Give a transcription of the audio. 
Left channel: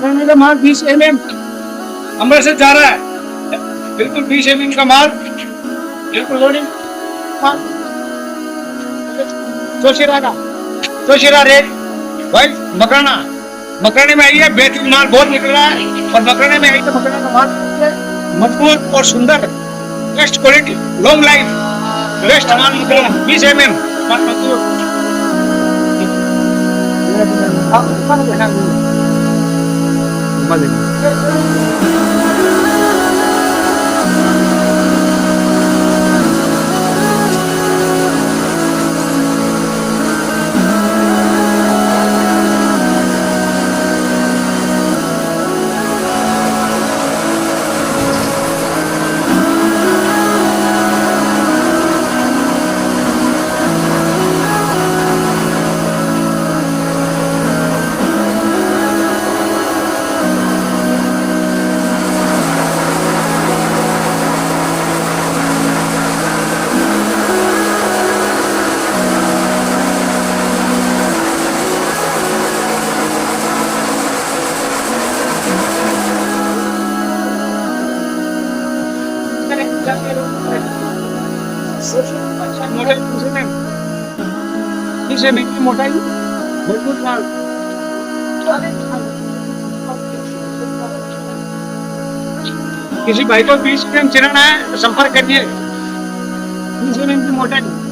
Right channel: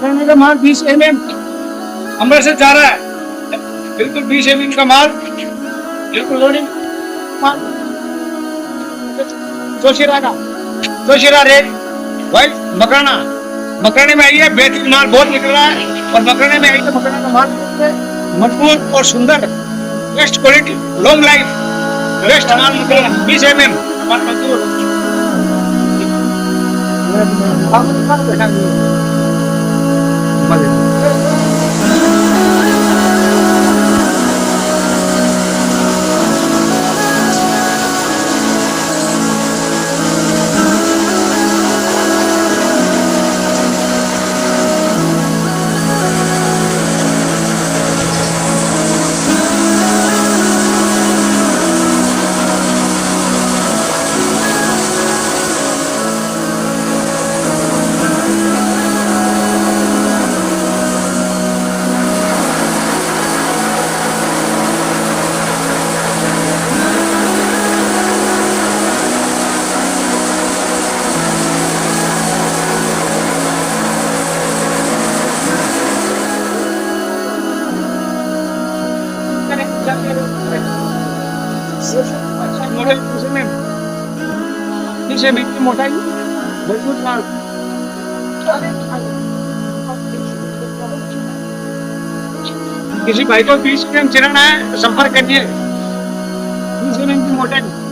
का माल 20 mm अमृतसर जा रहा है, बिल्कुल 20 mm का माल, बिल्कुल लोडिंग माल। जोशीरा रेट भाई मकराना, मकराने में आई है, बेहतरीन माल बहुत निकल रहा है। और मकराने में आई तो मकराना का माल मजबूत और सुंदर, best quality, long life, best माल मकराना 20 mm। मोटाई मजबूत माल। किसी भाई को 20 mm चिराना है तो संपर्क करिए। 20 mm की मोटाई।